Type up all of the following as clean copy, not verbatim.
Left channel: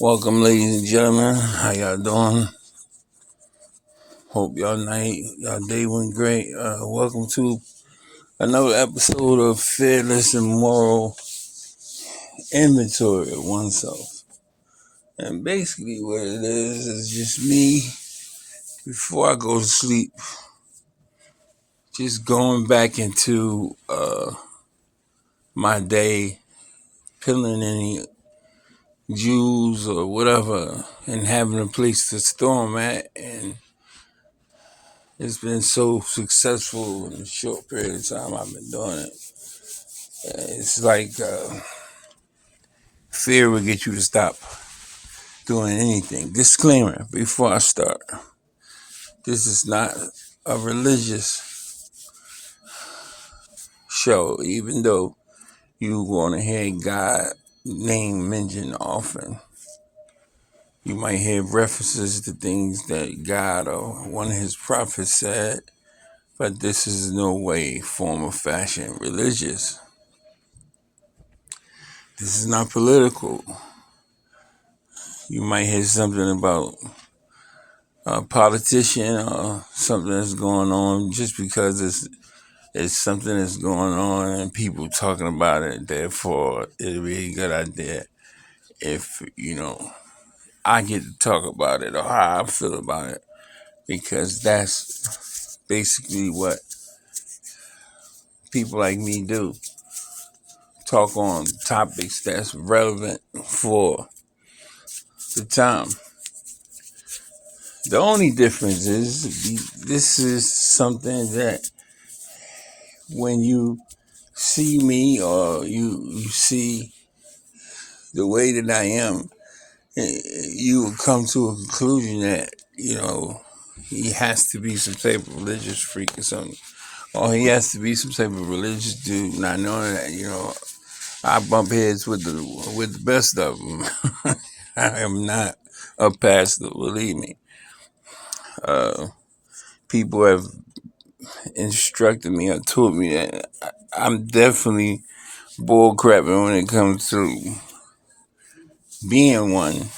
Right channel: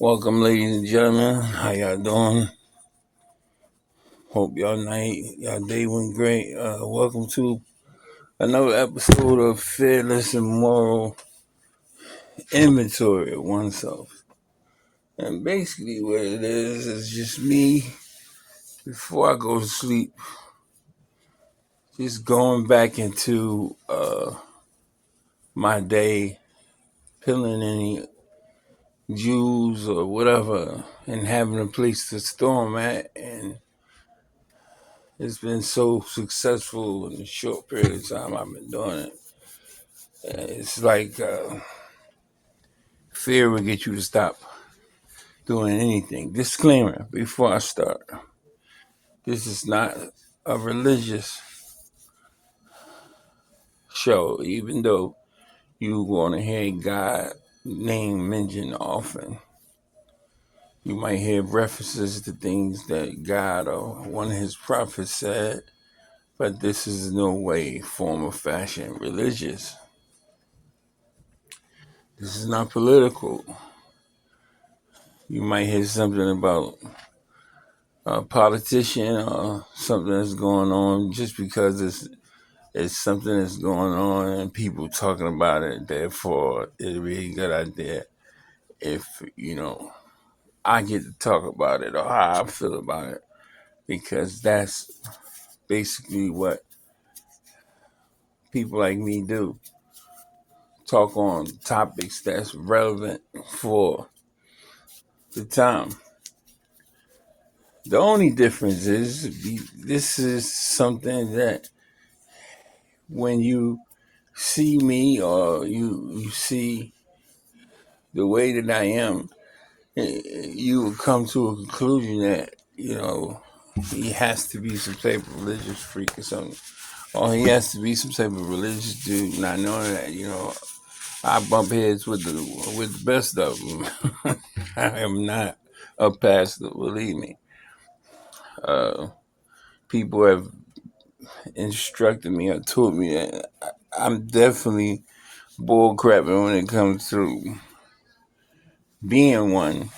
Welcome, ladies and gentlemen. How y'all doing? Hope y'all day went great. Welcome to another episode of Fairless and Moral Inventory of Oneself. And basically, what it is just me before I go to sleep, just going back into my day, peeling any Jews or whatever, and having a place to store them at. And it's been so successful in a short period of time I've been doing it. It's like fear will get you to stop doing anything. Disclaimer before I start. This is not a religious show, even though you want to hear God name mentioned often. You might hear references to things that God or one of his prophets said, but this is no way, form, or fashion religious. This is not political. You might hear something about a politician or something that's going on just because it's something that's going on and people talking about it. Therefore, it'd be a good idea if, I get to talk about it or how I feel about it, because that's basically what people like me do. Talk on topics that's relevant for the time. The only difference is this is something that when you see me or you see the way that I am, you will come to a conclusion that, he has to be some type of religious freak or something. Or he has to be some type of religious dude, not knowing that, I bump heads with the best of them. I am not a pastor, believe me. People have instructed me or told me that I'm definitely bull crapping when it comes to being one.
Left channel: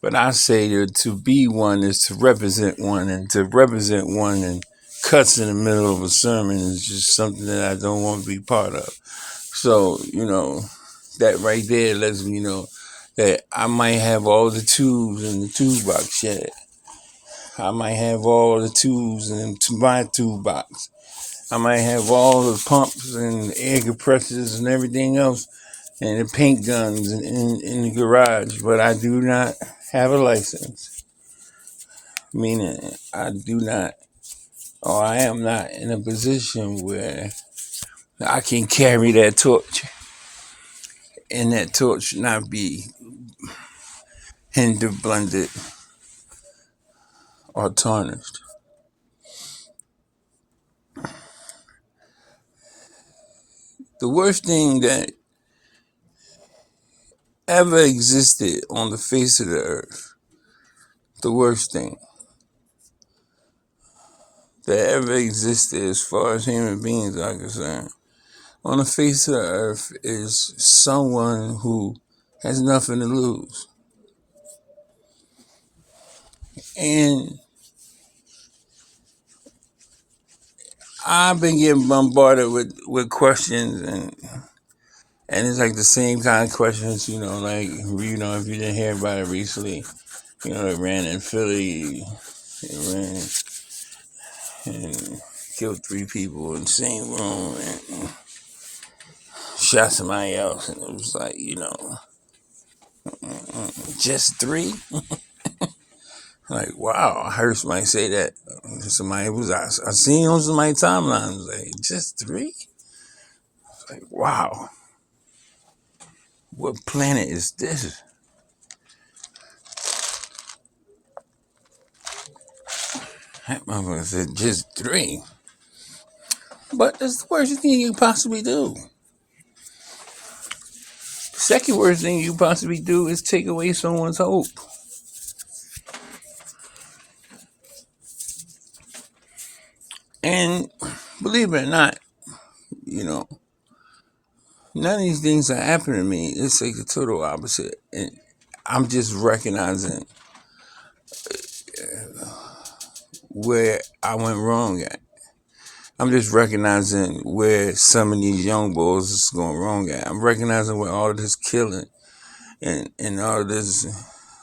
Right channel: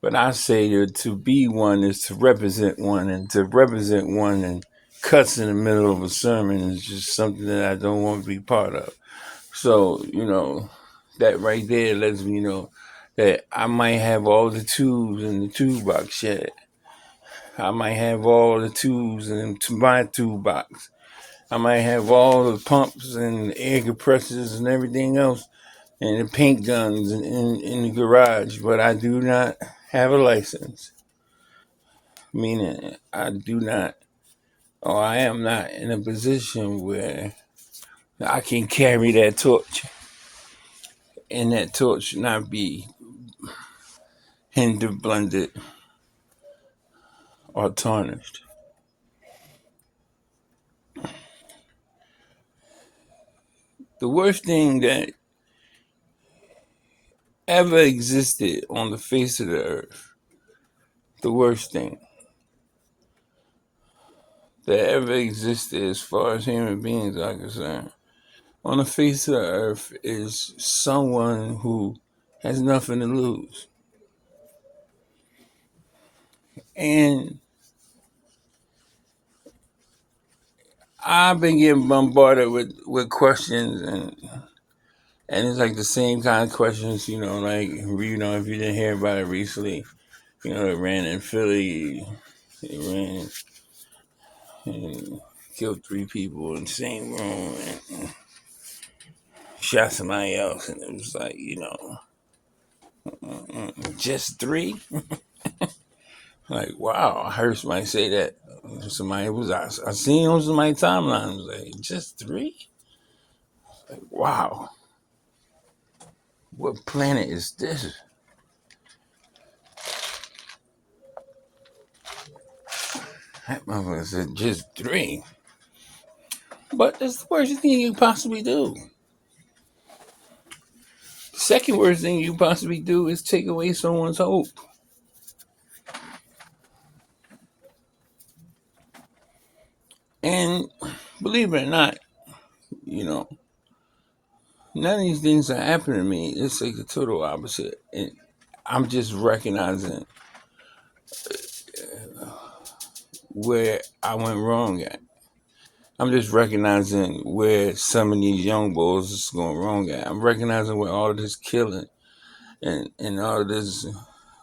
But I say that to be one is to represent one, and to represent one and cuts in the middle of a sermon is just something that I don't want to be part of. So, that right there lets me know that I might have all the tools in the toolbox yet. I might have all the tools in my toolbox. I might have all the pumps and air compressors and everything else and the paint guns in the garage, but I do not have a license. Meaning I do not, or I am not in a position where I can carry that torch, and that torch not be hindered, blended, or tarnished. The worst thing that ever existed on the face of the earth, the worst thing that ever existed as far as human beings are concerned, on the face of the earth is someone who has nothing to lose. And I've been getting bombarded with questions, and it's like the same kind of questions, if you didn't hear about it recently, it ran in Philly, it ran and killed 3 people in the same room and shot somebody else, and it was like, just 3? Like, wow, I heard somebody say that. I seen on somebody's timeline, I was like, just 3? Like, wow, what planet is this? That motherfucker said just 3. But it's the worst thing you possibly do. The second worst thing you possibly do is take away someone's hope. And believe it or not, none of these things are happening to me. It's like the total opposite. And I'm just recognizing where I went wrong at. I'm just recognizing where some of these young boys is going wrong at. I'm recognizing where all this killing and all this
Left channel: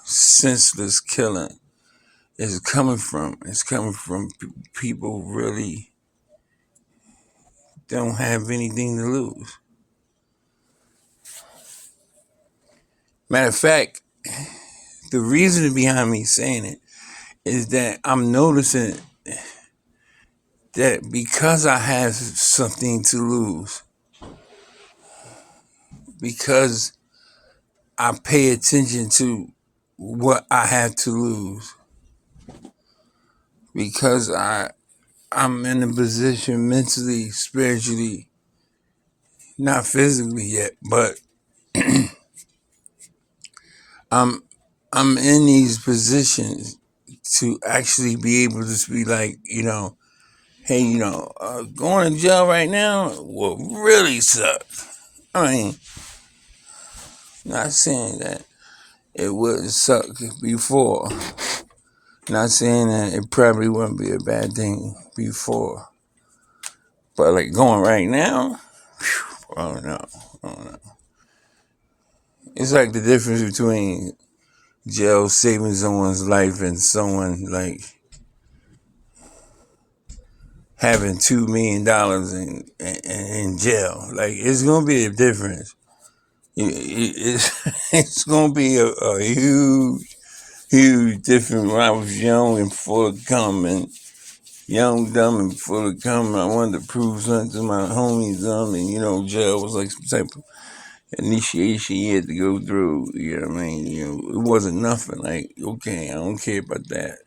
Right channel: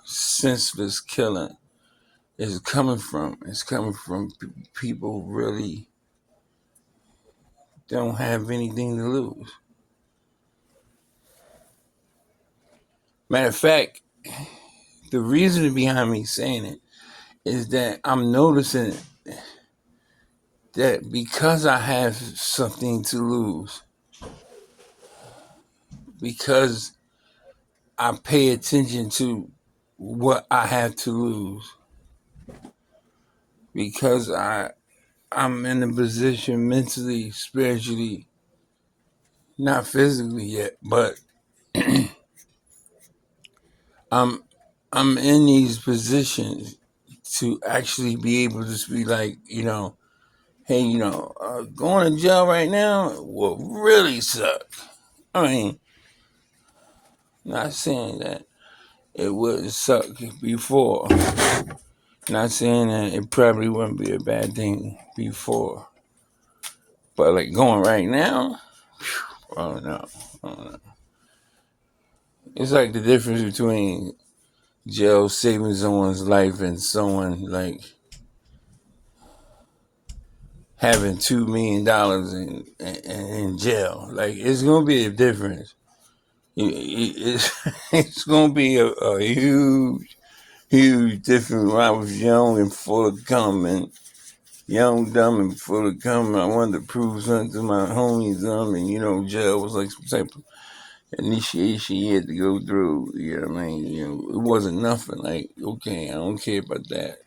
senseless killing is coming from. It's coming from people who really don't have anything to lose. Matter of fact, the reason behind me saying it is that I'm noticing that because I have something to lose, because I pay attention to what I have to lose, because I'm in a position mentally, spiritually, not physically yet, but I'm in these positions to actually be able to be like, hey, going to jail right now will really suck. I mean, not saying that it wouldn't suck before. Not saying that it probably wouldn't be a bad thing before. But like going right now, oh no. It's like the difference between jail saving someone's life and someone like having $2 million in jail. Like, it's gonna be a difference. It's gonna be a huge difference. When I was young and full of cum and young, dumb, and full of cum, and I wanted to prove something to my homies, and jail was like some type of initiation you had to go through. You know what I mean? It wasn't nothing. Like, okay, I don't care about that.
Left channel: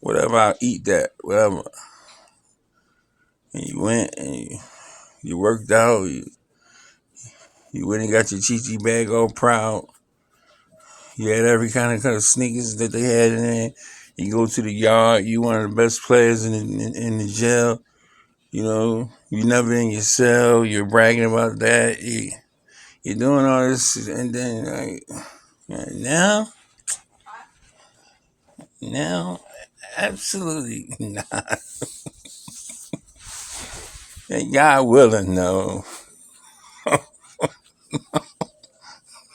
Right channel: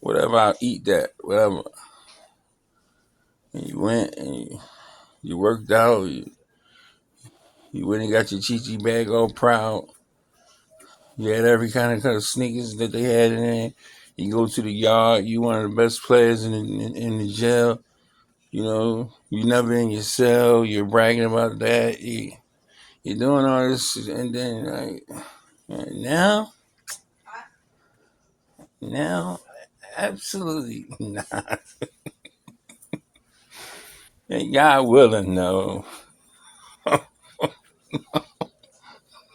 Whatever, I'll eat that. Whatever. And you went and you worked out. You went and got your Chi bag all proud. You had every kind of sneakers that they had in there. You go to the yard. You one of the best players in the jail. You never in your cell. You're bragging about that. You're doing all this, and then now, absolutely not. And God willing, no.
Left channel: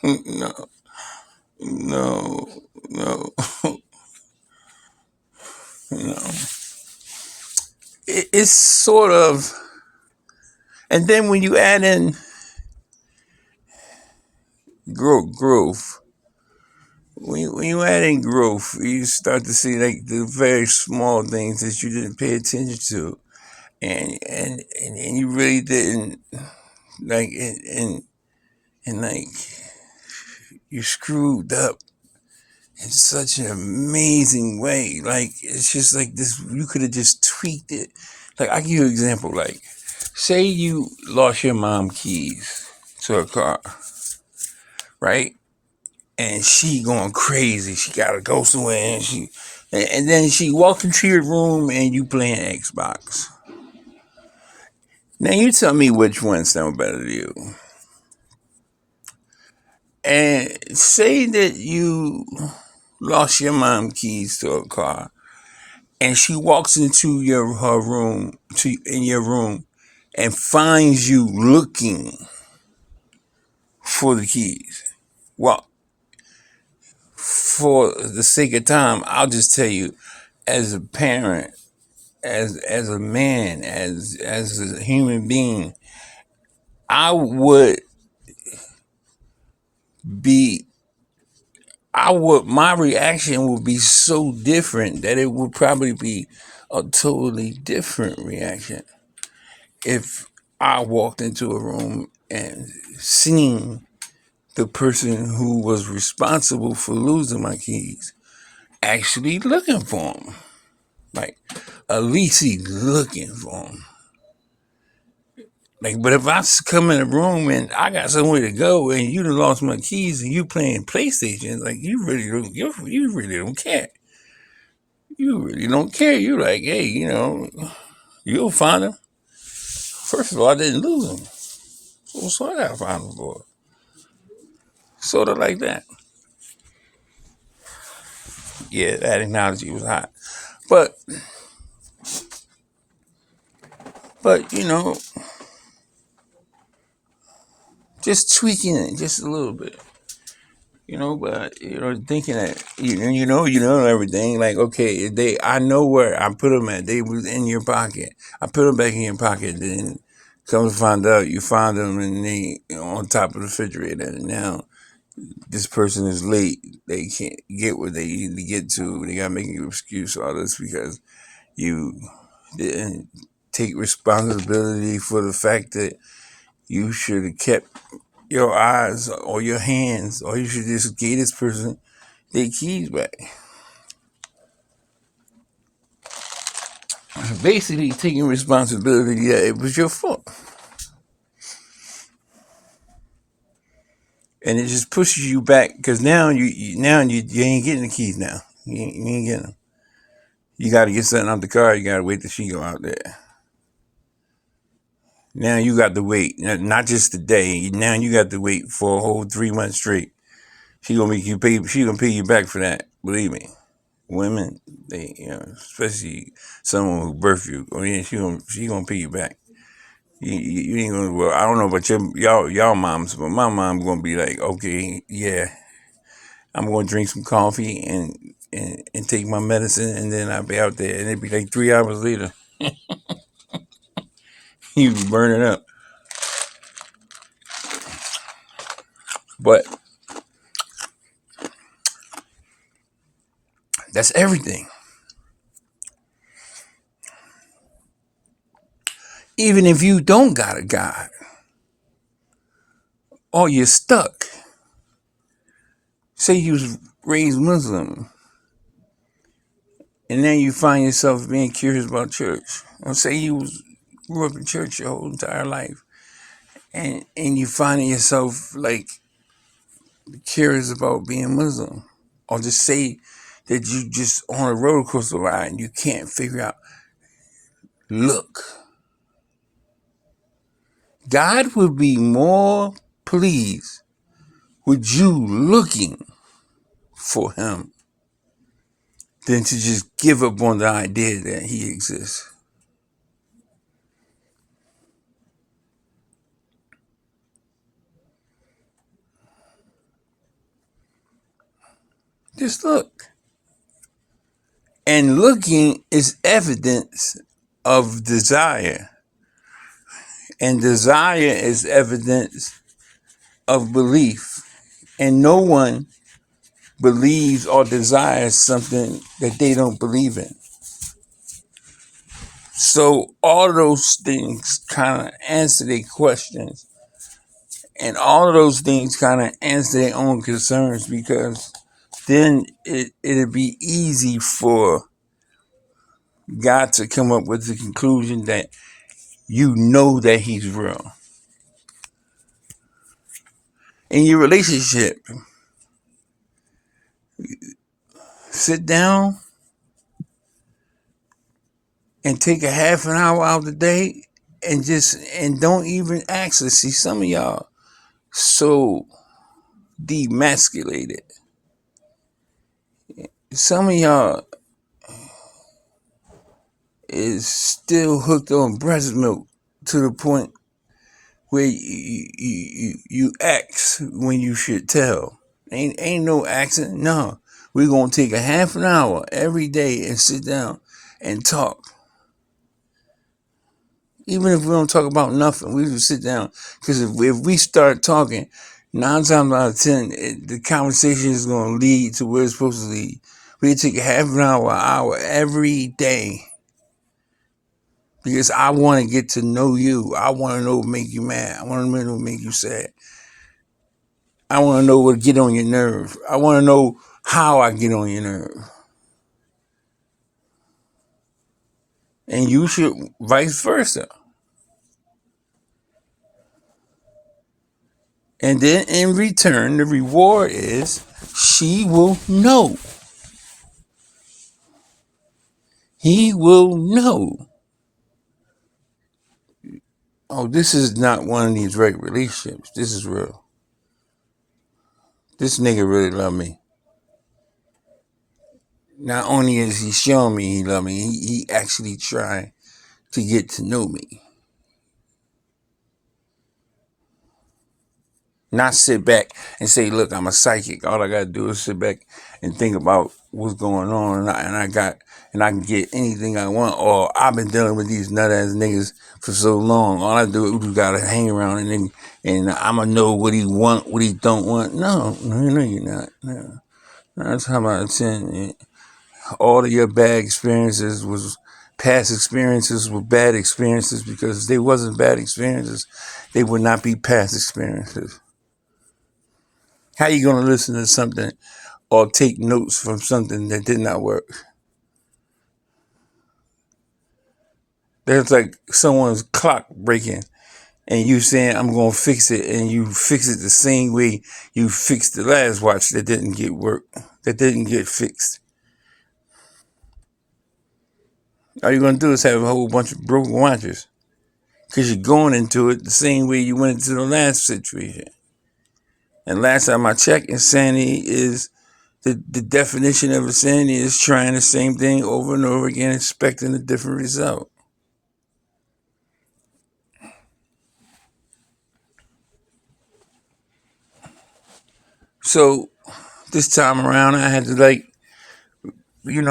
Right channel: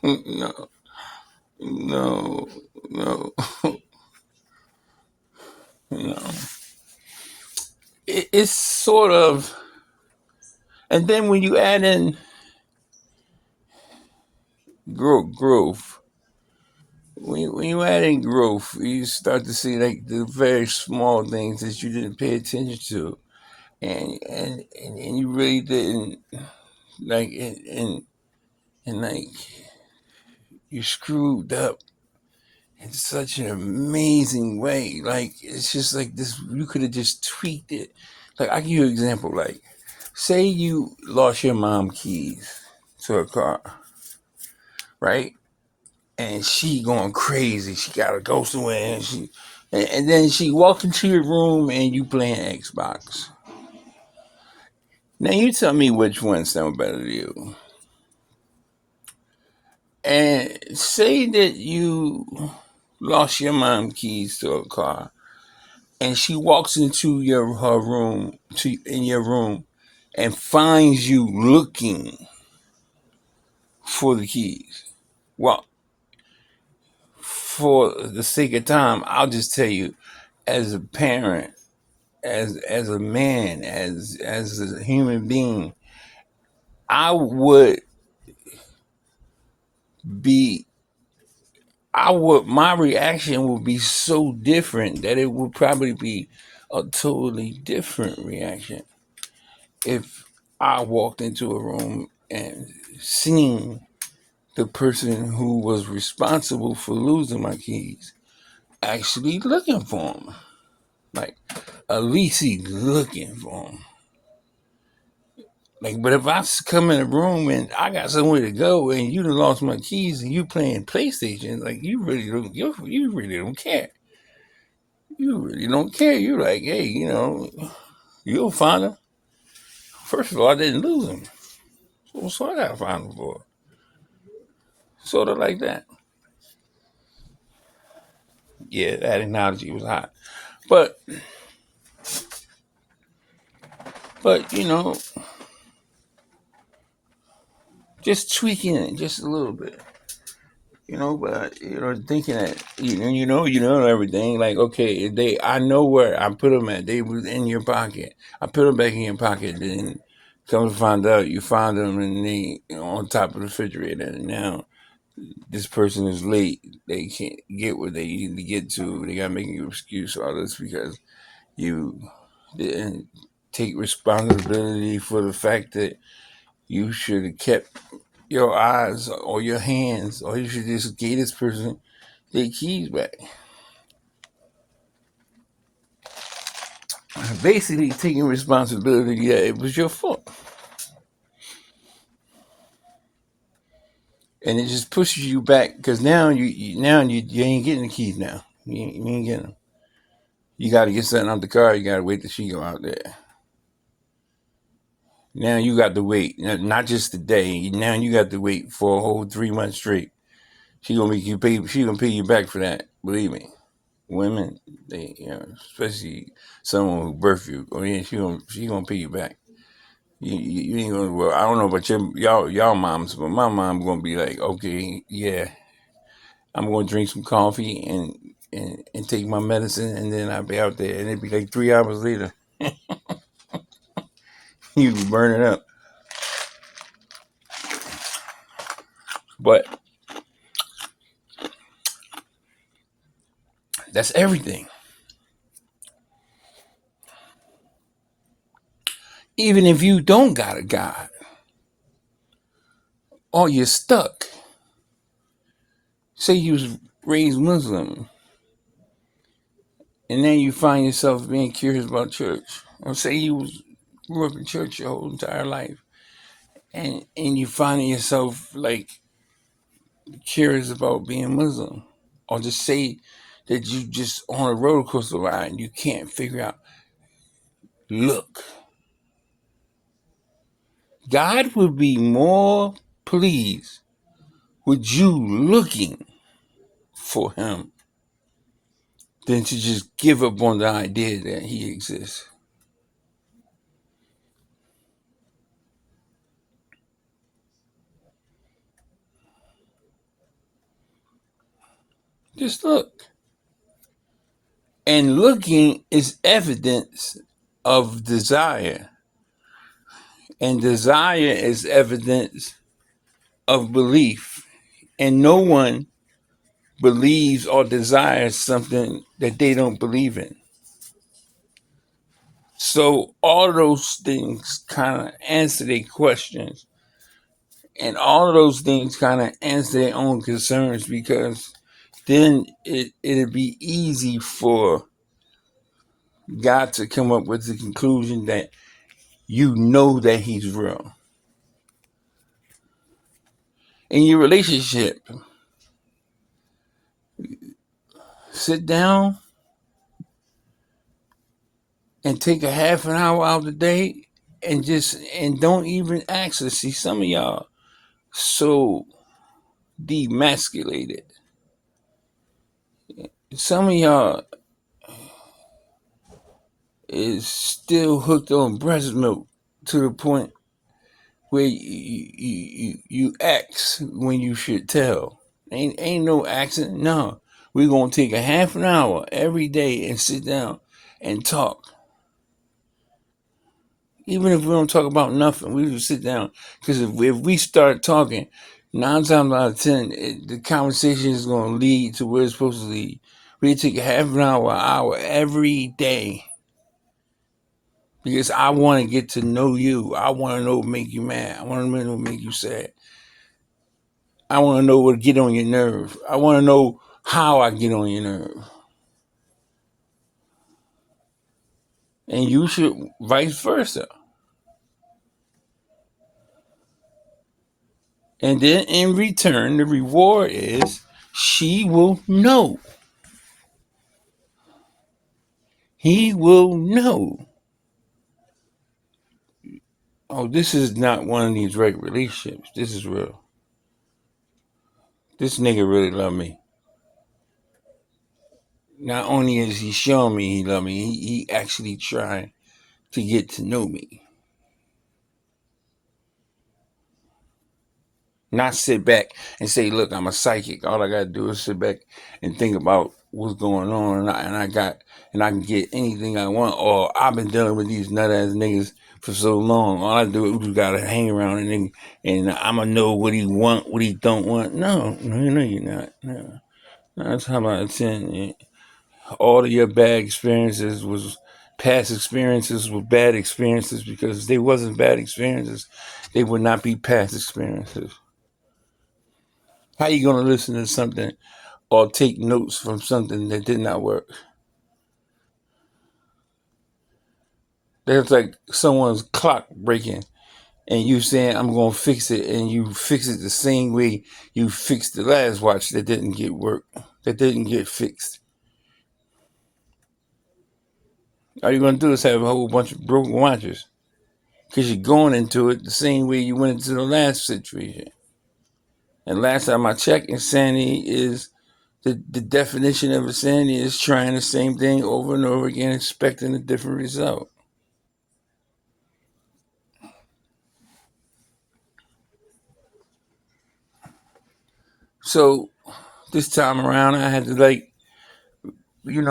No, no, no, no. It's sort of, and then when you add in growth, when you add in growth, you start to see like the very small things that you didn't pay attention to, and you really didn't like, and like you screwed up in such an amazing way. Like, it's just like this, you could have just tweaked it. Like, I give you an example. Like, say you lost your mom's keys to a car, right? And she going crazy. She gotta go somewhere, and then she walked into your room and you playing Xbox. Now you tell me which one sounds better to you. And say that you lost your mom's keys to a car, and she walks into her room, in your room, and finds you looking for the keys. Well, for the sake of time, I'll just tell you, as a parent, as a man, as a human being, I would be, my reaction would be so different that it would probably be a totally different reaction if I walked into a room and seen the person who was responsible for losing my keys actually looking for them. Like, at least he's looking for them. Like, but if I come in a room and I got somewhere to go and you done lost my keys and you playing PlayStation, like, you really don't care. You really don't care. You're like, hey, you'll find them. First of all, I didn't lose them. So I gotta find them for. Sort of like that. Yeah, that analogy was hot. But just tweaking it just a little bit. But thinking that you know everything. Like, okay, I know where I put them at. They was in your pocket. I put them back in your pocket. Then come to find out, you found them and they on top of the refrigerator. And now this person is late. They can't get what they need to get to. They gotta make an excuse all this because you didn't take responsibility for the fact that you should have kept your eyes or your hands, or you should just give this person their keys back. Basically, taking responsibility. Yeah, it was your fault, and it just pushes you back because now you ain't getting the keys. Now you ain't getting them. You got to get something out the car. You got to wait till she go out there. Now you got to wait, not just the day. Now you got to wait for a whole 3 months straight. She gonna make you pay. She gonna pay you back for that. Believe me. Women, they especially someone who birthed you. I mean, she gonna pay you back. You ain't gonna. Well, I don't know about y'all moms, but my mom gonna be like, okay, yeah, I'm gonna drink some coffee and take my medicine, and then I'll be out there, and it'd be like 3 hours later, you be burning up. But that's everything. Even if you don't got a God, or you're stuck. Say you was raised Muslim, and then you find yourself being curious about church. Or say you grew up in church your whole entire life, and you find yourself like curious about being Muslim. Or just say that you just on a roller coaster ride and you can't figure out. Look, God would be more pleased with you looking for him than to just give up on the idea that he exists. Just look. And looking is evidence of desire. And desire is evidence of belief. And no one believes or desires something that they don't believe in. So all those things kind of answer their questions. And all of those things kind of answer their own concerns, because then it'd be easy for God to come up with the conclusion that you know that he's real. In your relationship, sit down and take a half an hour out of the day and don't even access. See, some of y'all so demasculated. Some of y'all is still hooked on breast milk to the point where you ask when you should tell. Ain't no accent. No, we're gonna take a half an hour every day and sit down and talk. Even if we don't talk about nothing, we just sit down. Because if we start talking, 9 times out of 10, the conversation is going to lead to where it's supposed to lead. We take a half an hour every day. Because I want to get to know you. I want to know what make you mad. I want to know what make you sad. I want to know what get on your nerve. I want to know how I get on your nerve. And you should vice versa. And then in return, the reward is she will know. He will know. Oh, this is not one of these regular relationships. This is real. this nigga really love me. Not only is he showing me he love me, he actually trying to get to know me. Not sit back and say, look, I'm a psychic. All I gotta do is sit back and think about what's going on, and I can get anything I want. Or I've been dealing with these nut ass niggas for so long. All I do is gotta hang around and I'ma know what he want, what he don't want. No, you're not. No. That's how I attend. All of your bad experiences was past experiences with bad experiences, because if they wasn't bad experiences, they would not be past experiences. How you going to listen to something or take notes from something that did not work? There's like someone's clock breaking and you saying, I'm going to fix it, and you fix it the same way you fixed the last watch that didn't get work, that didn't get fixed. All you're going to do is have a whole bunch of broken watches because you're going into it the same way you went into the last situation. And last time I checked, insanity is the definition of insanity is trying the same thing over and over again, expecting a different result. So this time around, I had to you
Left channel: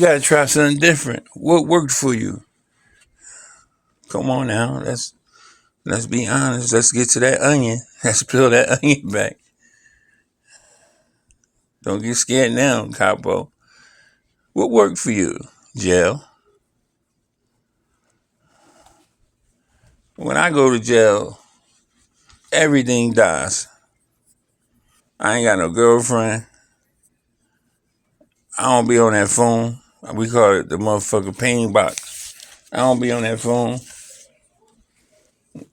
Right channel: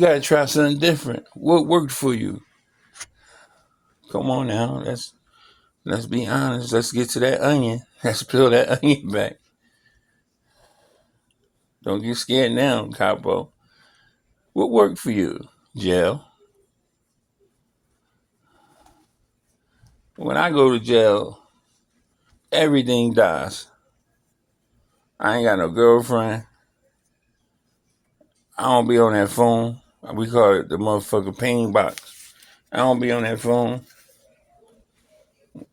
got to try something different. What worked for you? Come on now, let's be honest. Let's get to that onion. Let's peel that onion back. Don't get scared now, Capo. What worked for you, jail? When I go to jail, everything dies. I ain't got no girlfriend. I don't be on that phone. We call it the motherfucking pain box. I don't be on that phone.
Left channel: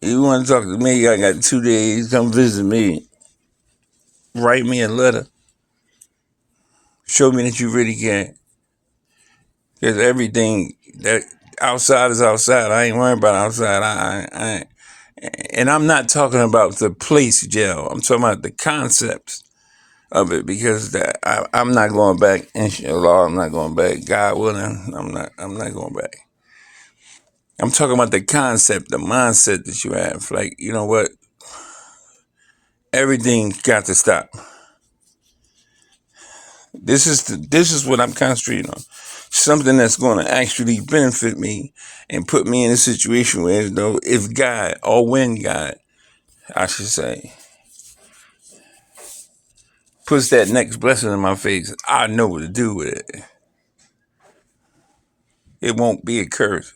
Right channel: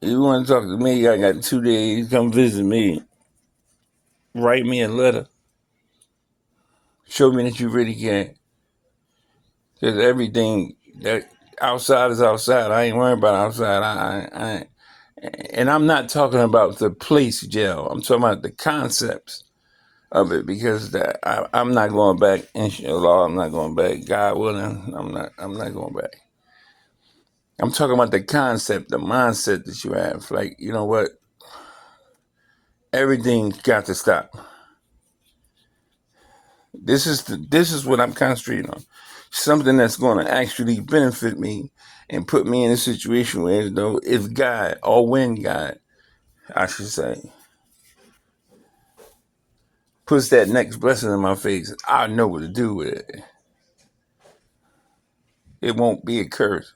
You want to talk to me, I got 2 days. Come visit me. Write me a letter. Show me that you really care. Because everything that outside is outside. I ain't worried about outside. And I'm not talking about the place jail. I'm talking about the concepts of it, because I'm not going back. Inshallah, I'm not going back. God willing, I'm not going back. I'm talking about the concept, the mindset that you have. Like, you know what? Everything got to stop. This is what I'm concentrating on. Something that's going to actually benefit me and put me in a situation where, though, if God, or when God, I should say, puts that next blessing in my face, I know what to do with it. It won't be a curse.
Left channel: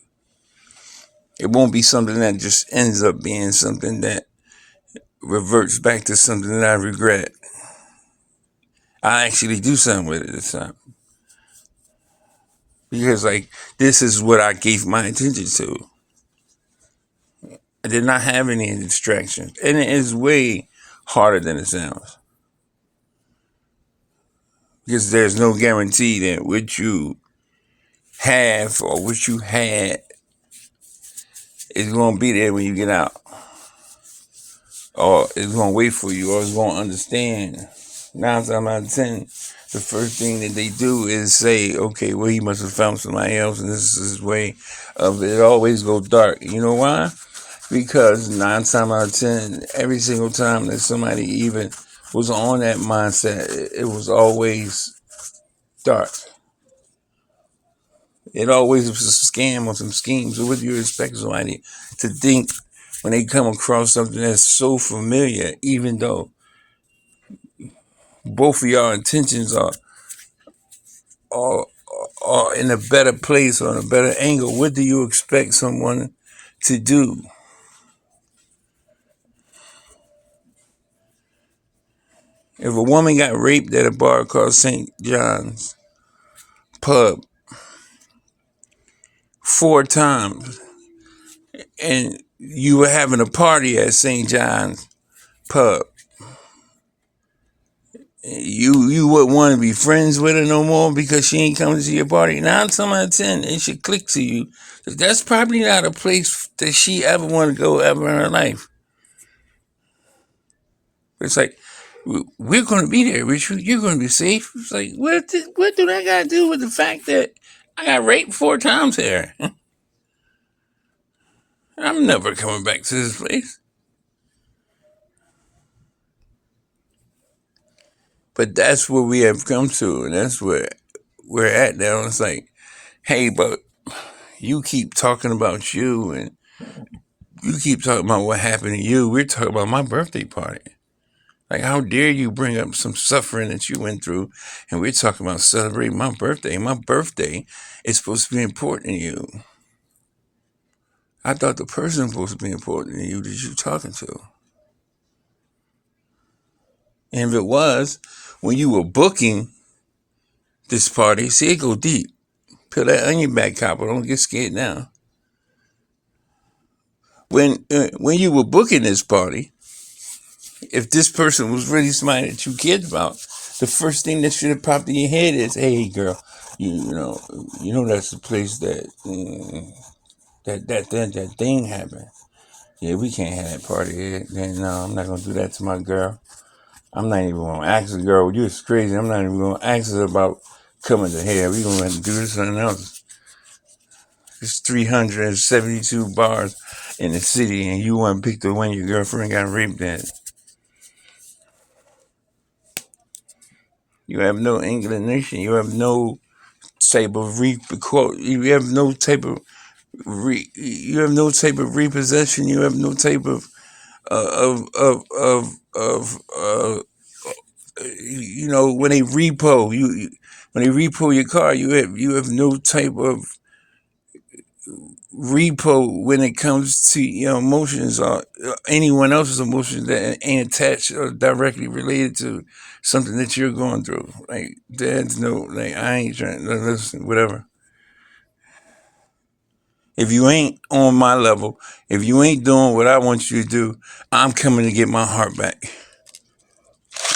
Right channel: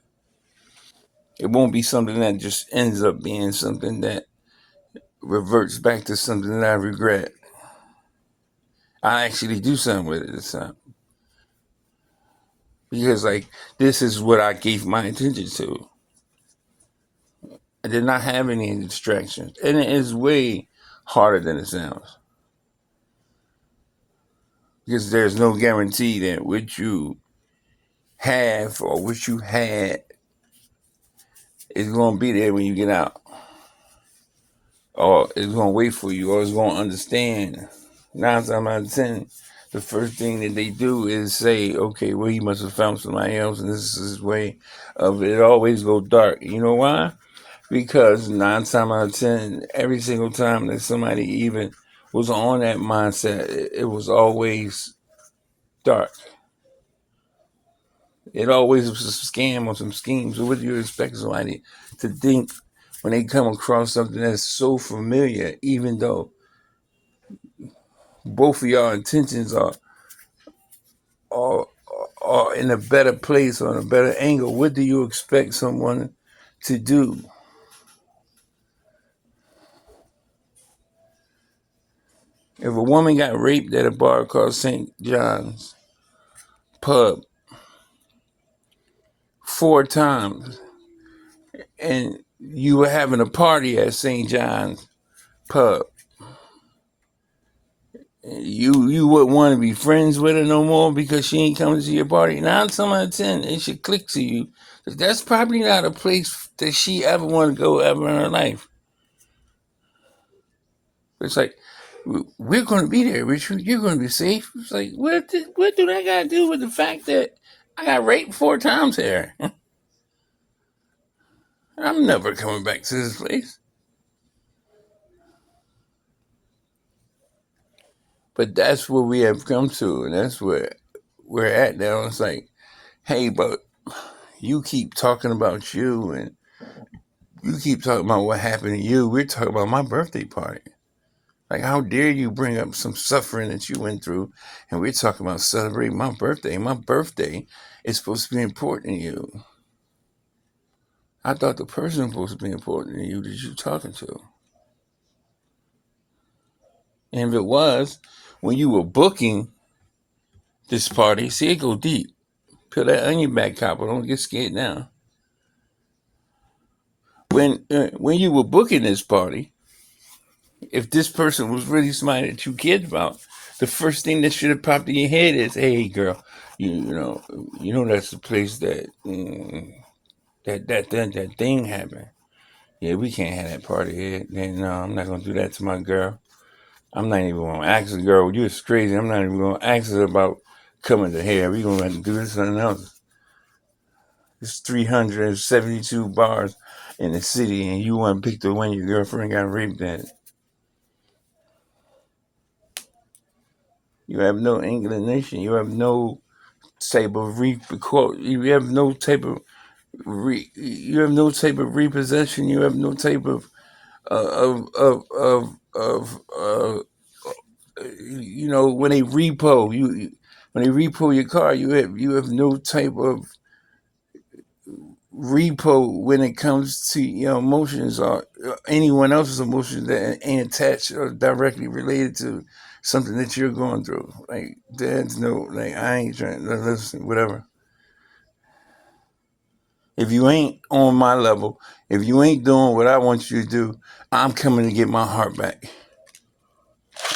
It won't be something that just ends up being something that reverts back to something that I regret. I actually do something with it this time. Because, this is what I gave my attention to. I did not have any distractions. And it is way harder than it sounds. Because there's no guarantee that what you have or what you had is going to be there when you get out. Or it's going to wait for you, or it's going to understand. 9 times out of 10, the first thing that they do is say, okay, well, he must have found somebody else, and this is his way of it. Always go dark. You know why? Because 9 times out of 10, every single time that somebody even was on that mindset, it was always dark. It always was a scam or some schemes. So what do you expect somebody to think when they come across something that's so familiar, even though both of y'all intentions are in a better place or in a better angle? What do you expect someone to do? If a woman got raped at a bar called St. John's Pub 4 times, and you were having a party at St. John's Pub, you would want to be friends with her no more because she ain't coming to your party. 9 times out of 10, it should click to you that that's probably not a place that she ever want to go ever in her life. It's like, we're going to be there, Richard. You're going to be safe. It's like, what do that got to do with the fact that I got raped 4 times here? I'm never coming back to this place. But that's where we have come to, and that's where we're at now. It's like, hey, but you keep talking about you, and you keep talking about what happened to you. We're talking about my birthday party. Like, how dare you bring up some suffering that you went through, and we're talking about celebrating my birthday. My birthday is supposed to be important to you. I thought the person was supposed to be important to you that you're talking to. And if it was, when you were booking this party, see, it go deep. Peel that onion back, copper. Don't get scared now. When you were booking this party, if this person was really somebody that you cared about, the first thing that should have popped in your head is, "Hey, girl, you know that's the place that that thing happened. Yeah, we can't have that party here. Then no, I'm not gonna do that to my girl. I'm not even gonna ask the girl. You was crazy. I'm not even gonna ask her about coming to here. We gonna have to do this something else. There's 372 bars in the city, and you want to pick the one your girlfriend got raped at. You have no inclination. You have no type of you have no type of you have no type of repossession. You have no type of you know, when they repo when they repo your car, you have no type of repo when it comes to your emotions or anyone else's emotions that ain't attached or directly related to something that you're going through. Like, there's no, like, I ain't trying to listen, whatever. If you ain't on my level, if you ain't doing what I want you to do, I'm coming to get my heart back.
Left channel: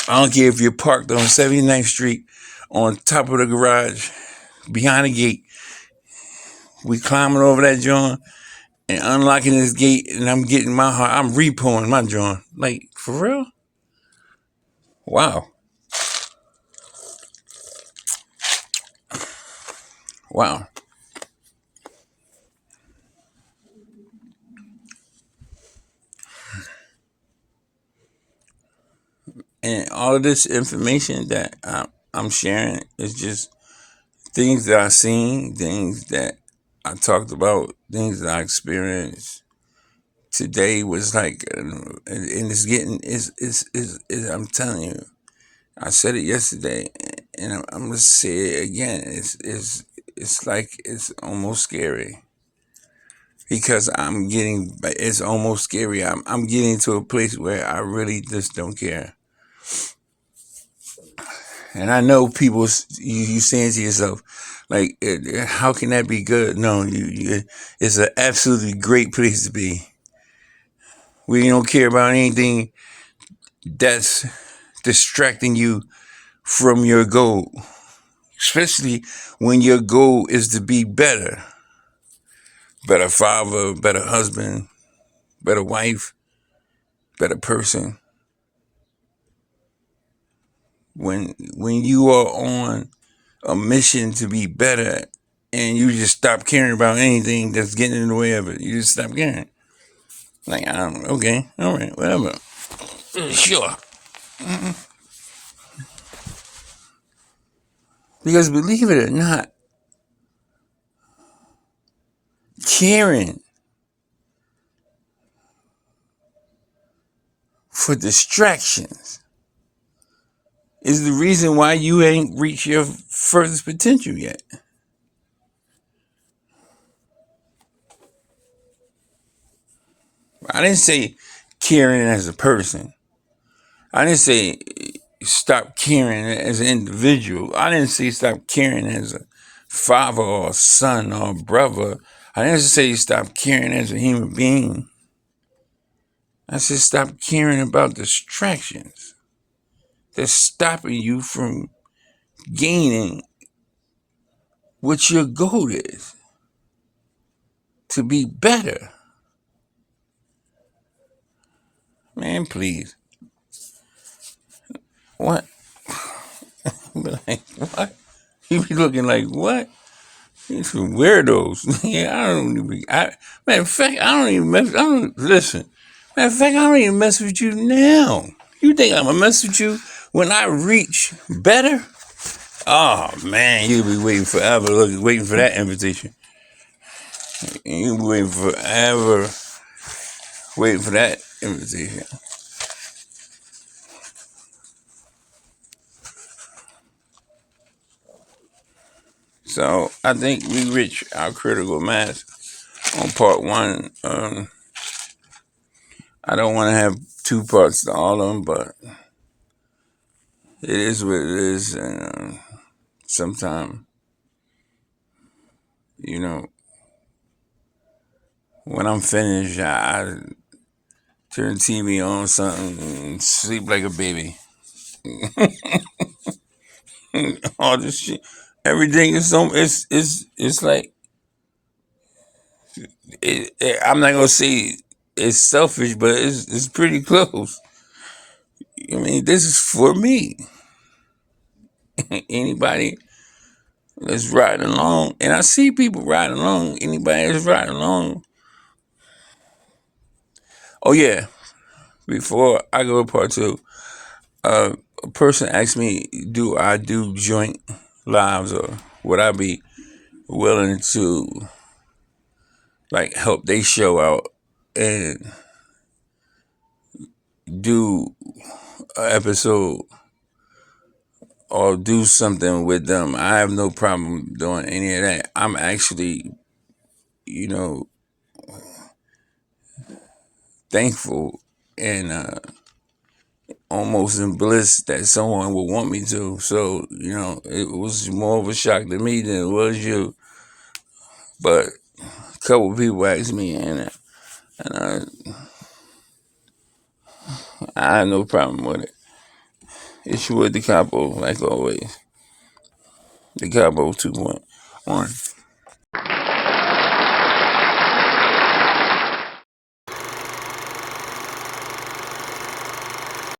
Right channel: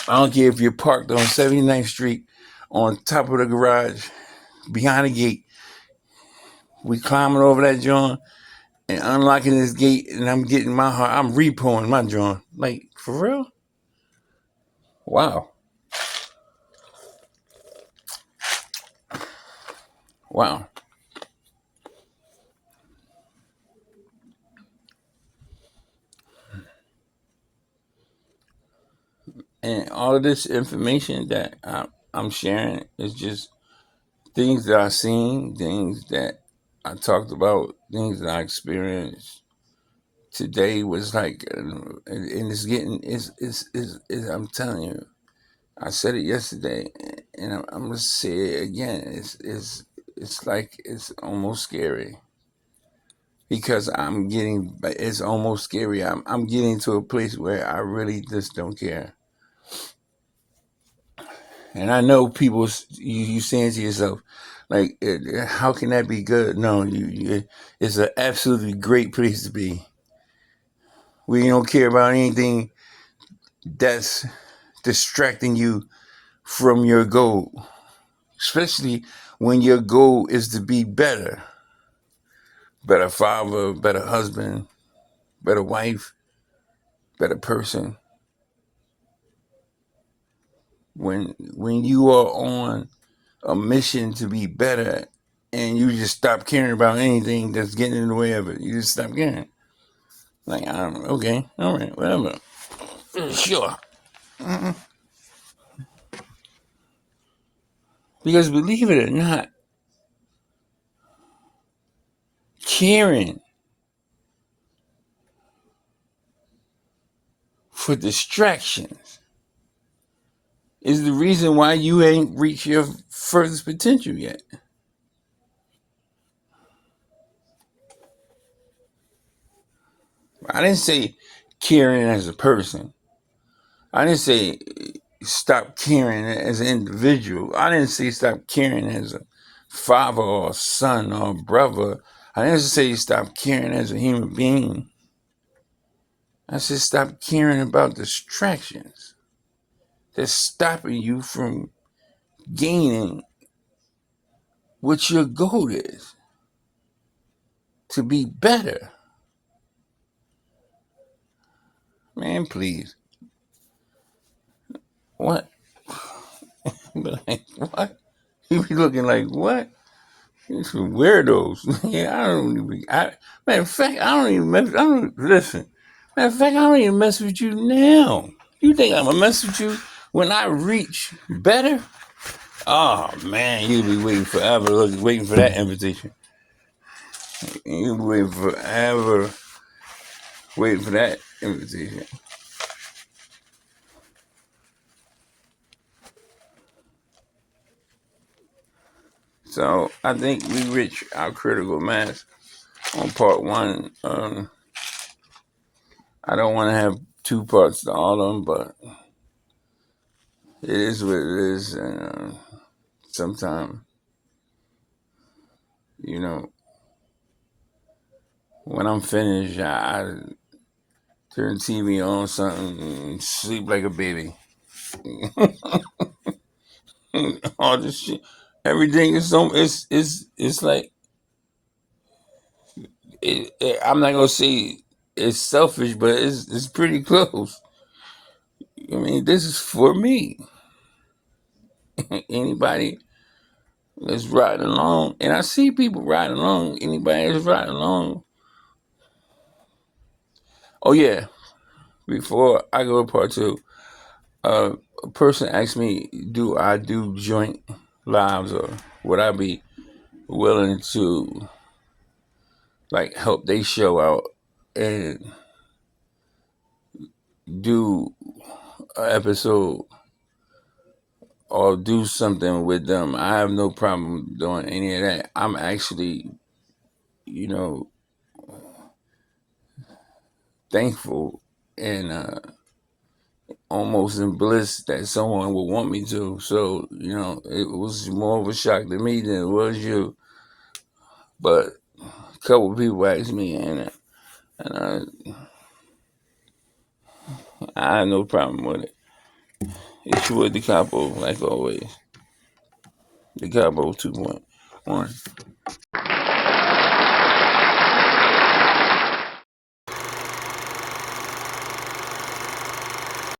I don't care if you're parked on 79th Street on top of the garage behind the gate. We climbing over that joint and unlocking this gate, and I'm getting my heart. I'm repoing my joint. Like, for real? Wow. Wow. And all of this information that I'm sharing is just things that I've seen, things that I talked about, things that I experienced. Today was like, and it's getting, I'm telling you, I said it yesterday, and I'm gonna say it again. It's like, it's almost scary because it's almost scary. I'm getting to a place where I really just don't care. And I know people, you saying to yourself, like, how can that be good? No, it's an absolutely great place to be. We don't care about anything that's distracting you from your goal, especially when your goal is to be better. Better father, better husband, better wife, better person. When you are on a mission to be better and you just stop caring about anything that's getting in the way of it, you just stop caring. Like, I don't know, okay, all right, whatever. Sure. Because believe it or not, caring for distractions is the reason why you ain't reached your furthest potential yet. I didn't say caring as a person. I didn't say stop caring as an individual. I didn't say stop caring as a father or a son or a brother. I didn't say stop caring as a human being. I said stop caring about distractions that's stopping you from gaining what your goal is, to be better. Man, please. What? Like, what? He be looking like, what? These some weirdos. Yeah, I don't even. Matter of fact, I don't even mess. I don't listen. Matter of fact, I don't even mess with you now. You think I'm gonna mess with you when I reach better? Oh man, you'll be waiting forever, waiting for that invitation. You'll be waiting forever, waiting for that invitation. So I think we reach our critical mass on part one. I don't want to have two parts to all of them, but it is what it is, and sometimes, you know, when I'm finished, I turn TV on something and sleep like a baby. All this shit, everything is so it's like I'm not gonna say it's selfish, but it's pretty close. I mean, this is for me. Anybody that's riding along, and I see people riding along. Anybody that's riding along. Oh yeah, before I go to part two, a person asked me, "Do I do joint lives, or would I be willing to like help they show out and do an episode or do something with them?" I have no problem doing any of that. I'm actually, you know, thankful and almost in bliss that someone would want me to. So, you know, it was more of a shock to me than it was you. But a couple people asked me, and I had no problem with it. It's with Decopbo, like always. Decopbo 2.1.